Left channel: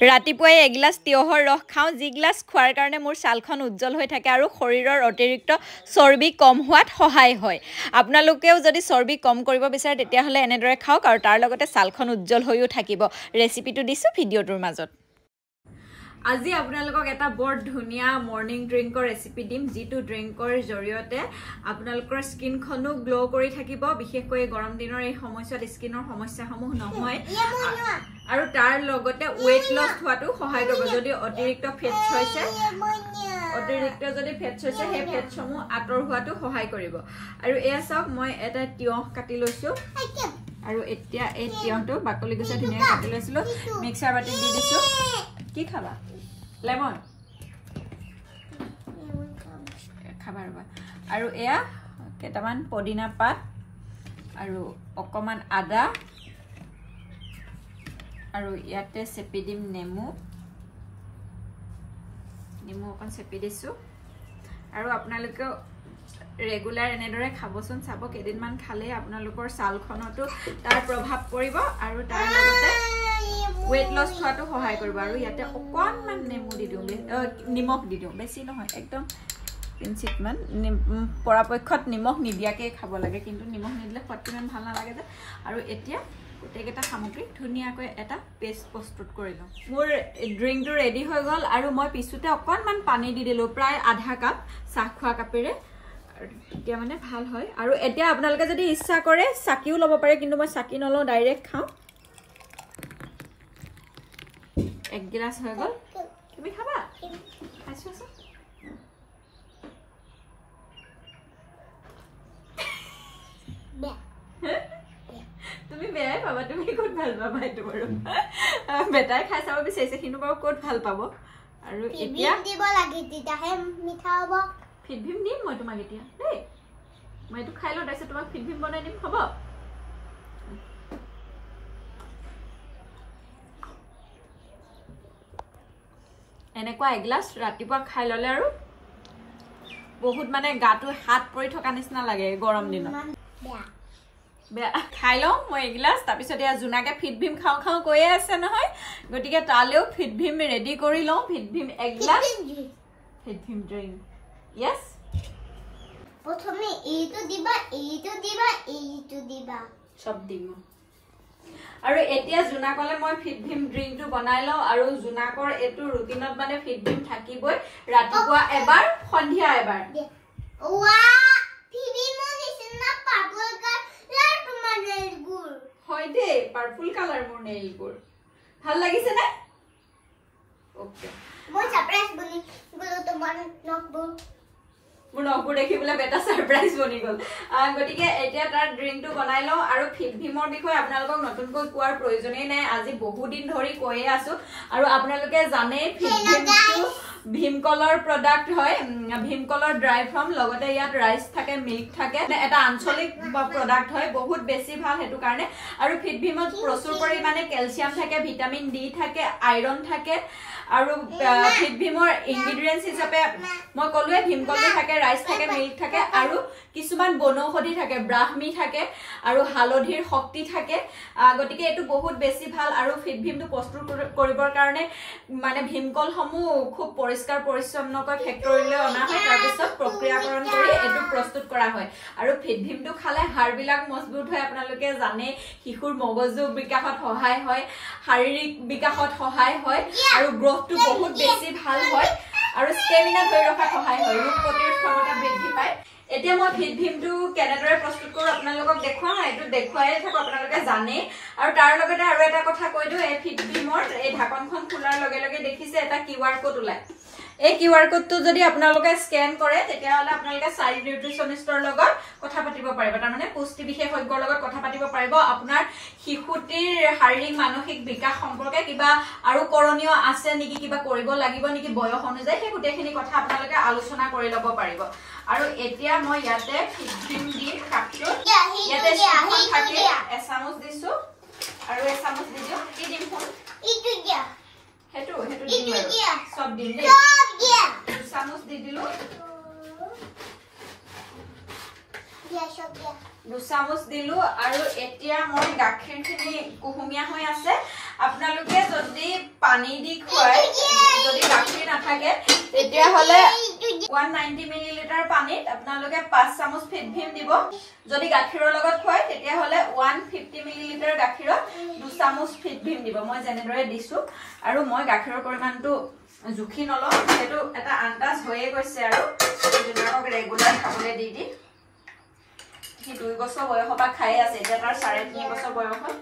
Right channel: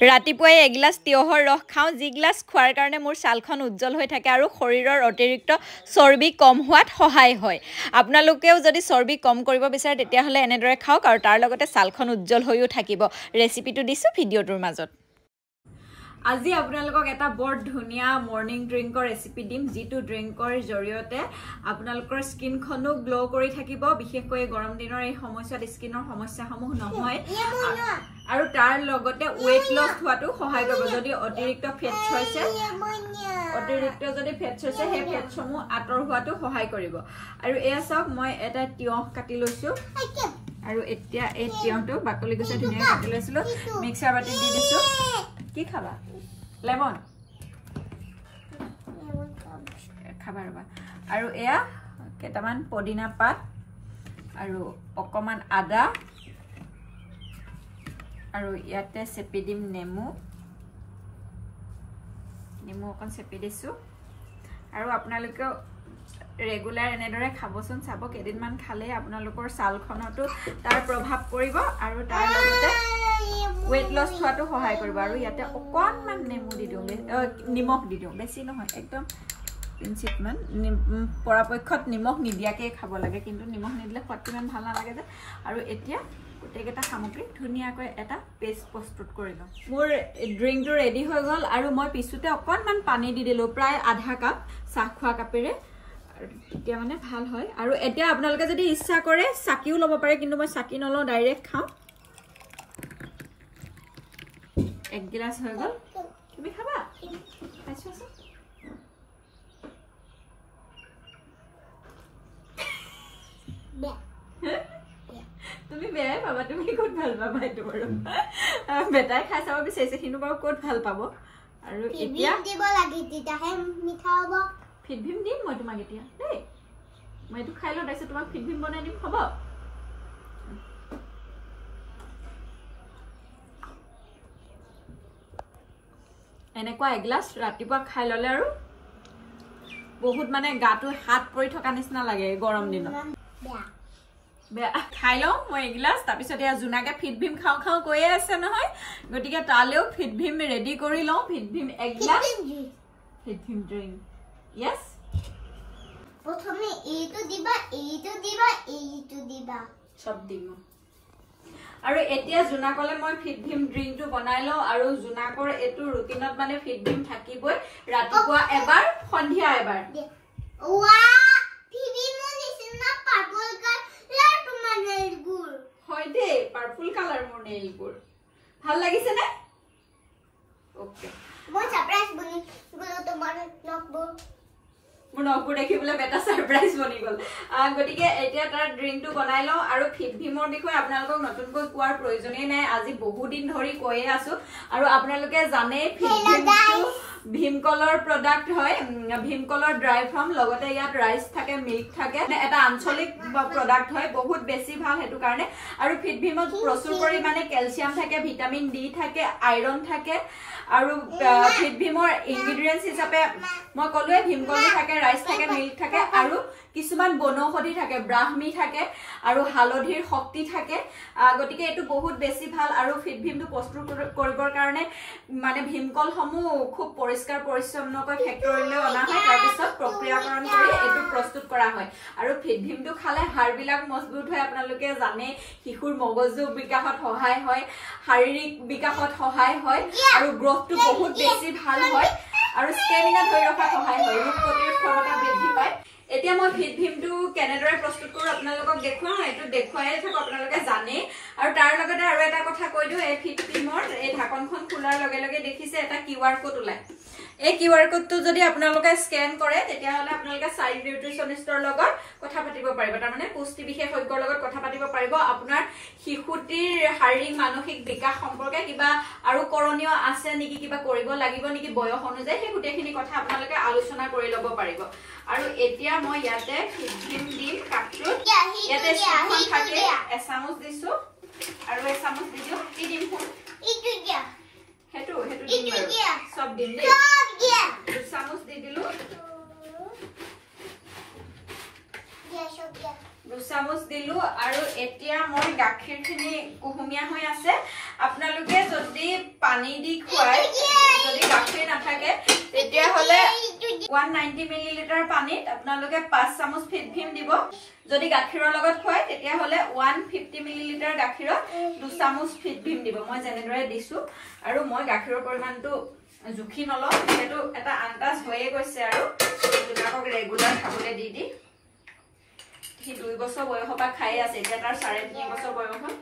ৰাতিপুৱাই এগিলাস তিয়হৰ ৰস খাওঁ যি গিলাস খোৱাৰ কাৰণে মোৰ ছালখন উজ্জ্বল হৈ থাকে আৰু শৰীৰৰ অতিৰিক্ত চৰ্বি কম হোৱাত সহায় হয় আপোনালোকেও যদি চৰ্বি কম কৰিব বিচাৰে তেতিয়াহলে এনেদৰে খাওক আৰু তাৰ লগতে ছালখন উজ্জ্বল হৈও থাকিব ৰেচিপিটো দিছো ভিডিঅটোৰ মাজত আজি আপোনালোকক এটা বৰ ধুনিয়া মৰ্নিং ড্ৰিংকৰ ৰেচিপি দিম যিটো ড্ৰিংকৰ জৰিয়তে আপোনালোকৰ স্কিনখনো গ্লো কৰি থাকিব বিশেষকৈ গৰম দিনৰ এই সময়ছোৱাত স্কিনৰ সমস্যাসমূহ নহয় আৰু তাৰ লগতে ওয়েট লছ হোৱাটো সহায় কৰিব যদি অতিৰিক্ত ফেটছ হৈছে সেই ফেটছসমূহ আঁতৰ হোৱাটো সহায় কৰিব আৰু এয়া চাওক মই এটা তিয়হ কাটি লৈছো আৰু এতিয়া এই তিয়হটো বাকলি গুচাই ধুনিয়া কাটি লৈছিলো মিক্সাৰ বাটিত দি দিছো কি খাবা লেমন খাবা ৰবা আৰু এয়া কেটামান পদিনা পাত আৰু অকমান আদা আৰু ইয়াতে চেপি দিম নেমু অকন চেপি দিছো আৰু আপোনালোকে ৰেগুলাৰ এনেদৰে খাবচোন চাব কেদিনমান খালে আপোনালোকৰ ছালখনতো তাৰ প্ৰভাৱ পৰিব আৰু তাৰ লগতে ওয়েট লছ হোৱাটো সহায় কৰিব আৰু ইয়াতে অকনমান নেমু দি দিওঁ নিমখ দি দিওঁ বেছি নহয় একদম পিঞ্চিটমান পৰাপক্ষত নিমখ নিদিয়াকৈ খাব লাগে কিন্তু নিমখ নিদিলে সোৱাদটো ইমান ভাল নালাগে যে আৰু এতিয়া গোটেইকেইটা সামগ্ৰী ধুনীয়াকৈ এটা পেষ্ট প্ৰস্তুত কৰি লওঁ মোৰ ড্ৰিংকটো ৰেডি হৈ গ'ল আৰু মই পিছতে অকনমান পানী দি দিলোঁ প্ৰায় আধা কাপ চাহ খোৱা কাপেৰে তেতিয়া মানে ভাল হয় আৰু এতিয়া আপোনালোকে যদি ইচ্ছা কৰে চাকিও ল'ব পাৰে কিন্তু মই চাকি নলওঁ ডাইৰেক্ট খাওঁ এক গিলাস হৈ গ'ল তুমি খাবা খাইছো তুমি বেয়াই পাবা তুমি ক'ত ভাল পাবা এইটো বাৰু বেটাই খাই চাব বিচাৰিছে কিন্তু বাৰু ক'ত ভাল পাব আৰু এতিয়া দিব লাগে তেতিয়াহে মিঠা হ'ব ফিটভিম দিম মই তোমাক এতিয়া দেই মই এইটো খাই লওঁ তাৰপিছত তোমাক ফিটভিম বনাই দিম হ'ব এনেকুৱা এগিলাস ৰাতিপুৱা খাই ললে আৰু বহুত মানে গাটো হাত পৰি থকা নিচিনা লাগে গৰম দিনত বেয়া খাই লওঁ মই এগিলাস তাৰপিছত এয়া জোনাকে ফিটভিম খাওঁ কৈয়ে আছে নহয় গতিকে তালেও ফিটভিম ৰেডি কৰি লওঁ ফিটভিম এগিলাস ফিটভিম ড্ৰিংক ইয়েছ প্ৰথমে এইটো দিবা সব দিম আৰু এতিয়া জোনাকলে মই ফিটভিম ড্ৰিংকটো বনাই লওঁ আৰু জোনাকৰ এইটো ৰুটিনত মানে ফিটভিম থাকিবই ৰাতিপুৱা এবাৰ সন্ধিয়া এবাৰ ওয়া ফিটভিমৰ নিচিনা পাৰ্পল কালাৰ তোমাৰ নেইলবোৰ হয় দে পাৰ্পল কালাৰ মোৰ নেইলবোৰ ভাল লাগিছে নে ওকে মই সাৰপ্ৰাইজ বনি গলো তোমাৰ নকবোৰ মোৰ নকবোৰ দেখিবলৈ বেটা সাৰপ্ৰাইজ বনি গল গতিকে এতিয়া তাৰ ড্ৰিংকটো বনাই লওঁ আৰু ফিটভিমৰ বিষয়ে আপোনালোকক নতুনকৈ কোৱাৰ প্ৰয়োজনেই নাই আজি বহু দিন ধৰি কৈয়ে আছো আৰু আপোনালোকে জানে ফিটভিমটো ভীমকলৰ প্ৰডাক্ট হয় ভীমকলৰ ড্ৰাই ফ্ৰম লগতে ইয়াত ৰাইচ থাকে মিল্ক থাকে এটা আঞ্চলিক প্ৰডাক্ট হয় বহুত বেছি ভাল হেতু কাৰণে আৰু ফিটভিমত প্ৰচুৰ পৰিমাণে ক্যালসিয়াম থাকে ভিটামিন ডি থাকে আইৰন থাকে আৰু ফিটভিমৰ ইনগ্ৰেডিয়েন্টস হিচাপে মই কলোৱে ভীমকলটো থাকে ৰাইচ থাকে মিল্ক থাকে আৰু কিছুমান বনৌষধি থাকে ব্ৰাহ্মী থাকে আৰু হালধিৰ শক্তি থাকে গতিকে এটো বহুত বেছি ভাল আৰু ফিটভিমটো প্ৰস্তুত কৰিবৰ কাৰণে মানে ভীমকল সমূহ খুব পৰিষ্কাৰ পৰিচ্ছন্নকৈ ফেক্টৰীলৈ অনা হয় তাৰ পিছত প্ৰক্ৰিয়াকৰণ কৰি এটো প্ৰস্তুত কৰা হয় আৰু ফিটভিমটো খালে হাড়বিলাক মজবুত হয় আপোনালোকে জানে শিশুৰ মগজু বিকাশত সহায় হয় শাৰীৰিক বিকাশত সহায় হয় আৰু গ্ৰোথটো বহুত বেছি ভাল হয় আৰু ষ্টেমিনা ধৰি ৰখাত সহায় হয় ৰোগ প্ৰতিৰোধ ক্ষমতা বৃদ্ধি পায় এতিয়া মই ফিটভিমটো কেনেদৰে প্ৰস্তুত কৰো আপোনালোকক দেখুৱাও এটো দেখুৱাই থাকো আপোনালোকে জানে আৰু তাৰ লগতে আৰু এটা কথা কৈ দিও এই ফিটভিমৰ এই ঢাকনখন খোলাৰ লগে লগে দেখিছে এটা কিউআৰ কোড ওলাই এই কিউআৰ কোডটো যদি আপোনালোকে স্ক্যান কৰে তেতিয়া হলে আপোনালোকে চাইল্ড নিউট্ৰিচনিষ্টৰ লগত কথা পাতিব পাৰিব তাৰ মানে পুষ্টি বিশেষজ্ঞৰ লগত কথা পাতিব পাৰিব আপোনাৰ শিশুটিৰ শাৰীৰিক মানসিক বিকাশ সম্পৰ্কে কিবা আৰু কৰণীয় আছে নেকি কিবা কৰিব লাগিব নেকি বয়স অনুযায়ী সেই গুটেখিনি কথা আপোনালোকে আলোচনা কৰি লব পাৰিব আৰু এতিয়া মই ইয়াতে ফিটভিম দিম কাপটো ইয়াতে স্পুন থাকে এচামুচ দিছো আৰু এচামুচ দিছো কি দিম ফোন ইটো দিয়া হেতু দিম সব দিম দে চামুচ দি দিলো দুচামুচ দিলো আৰু এতিয়া মই গাখীৰখিনি কুহুমিয়া হৈ আছে আপোনালোকে যদি পানী দি খুৱাই যদি গাখীৰ নাথাকে তেতিয়া হলে 190 মিলিলিটাৰ পানীত আপোনালোকে 5 চামুচ ফিট ভীম দিব যদি গাখীৰৰ লগত খুৱাই তেতিয়া হলে 150 মিলিলিটাৰ গাখীৰত 2 চামুচ ফিট ভীম দিব মই যেনেদৰে দিছো আৰু মই গাখীৰৰ পৰিমাণটো জুখি নলওঁ সেইটো এটা আন্দাজ হৈয়ে গৈছে আৰু জুনাকক ৰেগুলাৰ খাবলৈ দি দি সি 2 বছৰ বয়সৰ পৰা খাই আছে এতিয়া তাৰ 3.5 বছৰ বয়স হ'ল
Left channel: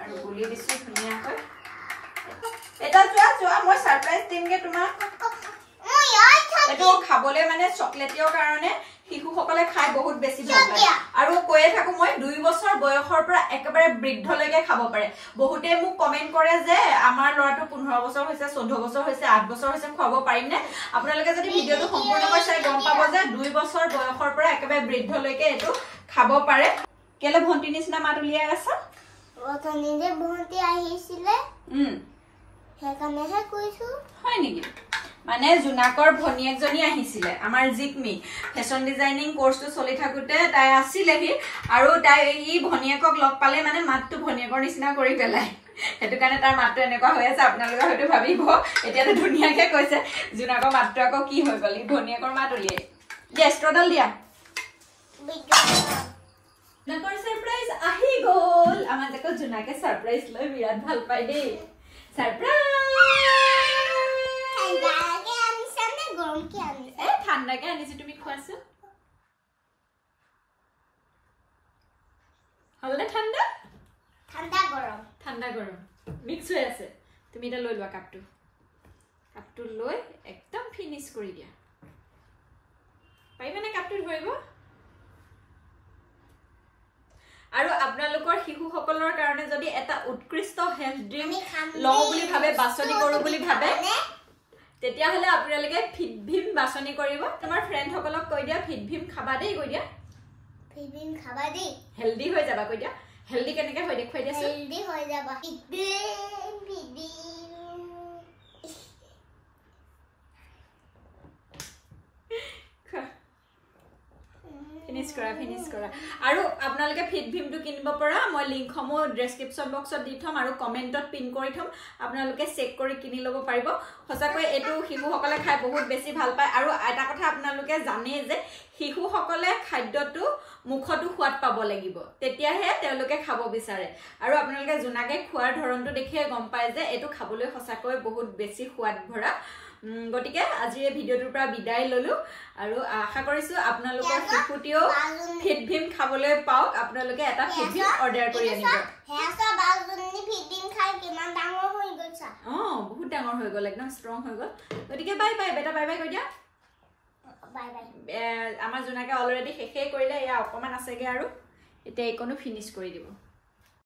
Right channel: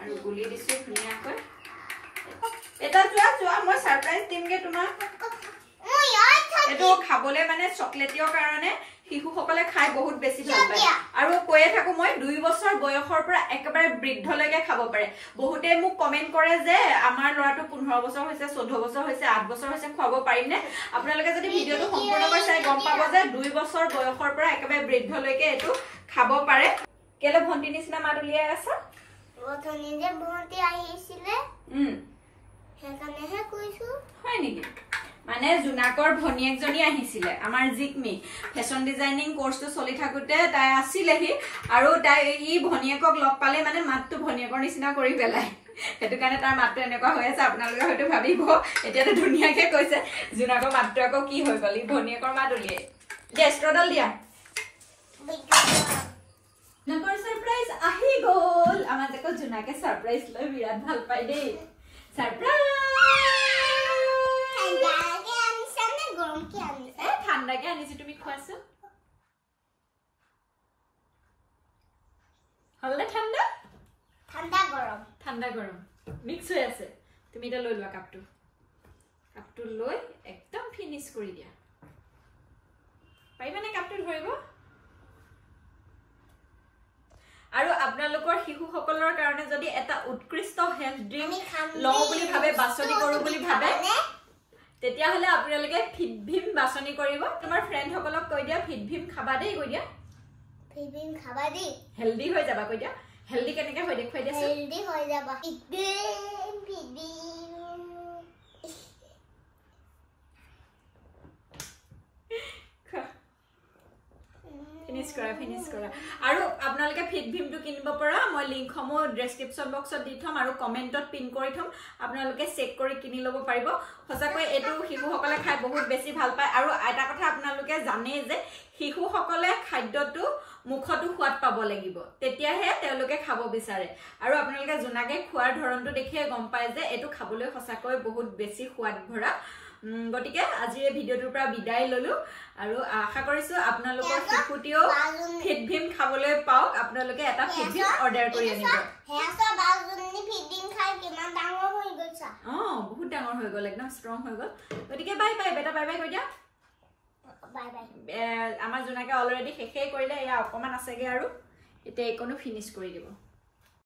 আৰু গুলি দিছো ধুনীয়াকৈ এটা যোৱা মই সাৰপ্ৰাইজ দিমগে তোমাক এটো খাবলৈ মানে চকলেটৰ কাৰণে শিশুসকলে খাই বহুত বেছি ভাল পায় আৰু কৈয়ে থাকো মই 2 বছৰ বয়সৰ পৰা একেবাৰে বৃদ্ধলৈকে খাব পাৰে বহুতে মোক কমেন্ট কৰে যে আমাৰ ল'ৰাটো 15 বছৰ হৈছে 14 বছৰ হৈছে 8 বছৰ হৈছে খুৱাব পাৰিম নে আপোনালোকে যদি ভিডিওটো সম্পূৰ্ণকৈ চাই গম পাব যে 2 বছৰ বয়সৰ পৰা একেবাৰে বৃদ্ধলৈকে এটো খাব পাৰে কেলে ভন্টি নিচিনা মাত উলিয়াই আছা ওখানে যে ভন্টি আহিছিলে হেকানেহে কৈছো হয় নেকি মানে জুনাকৰ ভনিয়েকজনী আহিছিলে আমাৰ জিকমি ফেশন ডিজাইনিং কোৰ্সটো চলি থাকুতে তাই আছিলেহি আৰু তাই ই ভনিয়েকক লগ পালে মানে মাতটো ভনিয়েকৰ নিচিনা কৰি পেলাই হেতু কাৰণে তাৰ মাতটো এনেকুৱা হৈ আছে আপোনালোকে হয়তো ভাবিব এতিয়াটো ধুনিয়াকে কৈছে জুনাকৰ মাতটো আকৌ কি হৈ গলি ভনিয়েকৰ মাত উলিয়াই দে ষ্ট্ৰডাল দিয়া নাকৰ সাৰপ্ৰাইজ আহি গল আমাৰ দেখো জুনাকে সাৰপ্ৰাইজ লৈ বিৰাট ভাল পাই দেই সাৰপ্ৰাইজ ঠাণ্ডাকে আনিছো তুমি খোৱাছো হলনে ঠাণ্ডা ঠাণ্ডা গৰম মিক্স হৈ আছে তুমি এটা লৈ লোৱা কাপটো লৈ একদম ফিনিশ কৰি দিয়া পাৰিবানে কাপটো ধৰিব আৰু আপোনালোকৰ শিশুসকলৰ কাৰণে যদি এটা উৎকৃষ্ট হেল্থ ড্ৰিংক লও বুলি ভাবে বাছনি কৰো বুলি ভাবে তেতিয়া হলে আপোনালোকে ফিট ভীম বাছনি কৰিব তোমাৰ ফ্ৰেণ্ড সকলক কৈ দিয়া ফিট ভীম খাবা দেই কৈ দিয়া ফিট ভীম খাবা দেই হেলদি হৈ যাবা কৈ দিয়া হেলদি কেনেকে হৈ দেখুৱাই দিছো হেলদি হৈ যাবা ফিট ভীম ফিনিশ কৰা আৰু আপোনালোকে ফিট ভীমটো কিনিব পৰা মই লিংকসমূহ ডেসক্ৰিপচন বক্সত দি থম আৰু কমেন্টত পিন কৰি থম আপোনালোকে চেক কৰি কিনি লব পাৰিব সঁচাকৈ এটো শিশুসকলে খাই বহুত বেছি ভাল পায় আৰু এটা কথা আপোনালোকে জানে যে শিশুসকলে খাদ্যটো মুখটো সোৱাদ পাব লাগিব তেতিয়াহে তেওঁলোকে খাব বিচাৰে আৰু আপোনালোকে জুনাকে খোৱাৰ ধৰণটো দেখিয়ে গম পায় যে এটো খাবলৈ সঁচাকৈ বহুত বেছি সোৱাদ ভৰা গটিকে আজি এই ভিডিওটোৰ পৰা বিদায় ললো আৰু আশা কৰিছো আপোনালোকৰ শিশুটিও ফিট ভীম খাবলৈ পাওক আপোনালোকে এটা ফিট ভীম অৰ্ডাৰ কৰি আনিব হেসা বাজুনি ফিট ভীম খাই কিমান ডাঙৰ হৈ গৈছা বহুত ডাঙৰ হৈ গল একদম ষ্ট্ৰং হৈ গল গটিকে বাই বাই বেটা বাই বাই কৈ দিয়া বাই বাই আমাৰ জুনাকে অলৰেডি শেষে কৰিলে এয়া অকমান আছেগে আৰু এতিয়া এইকনো ফিনিশ কৰি দিব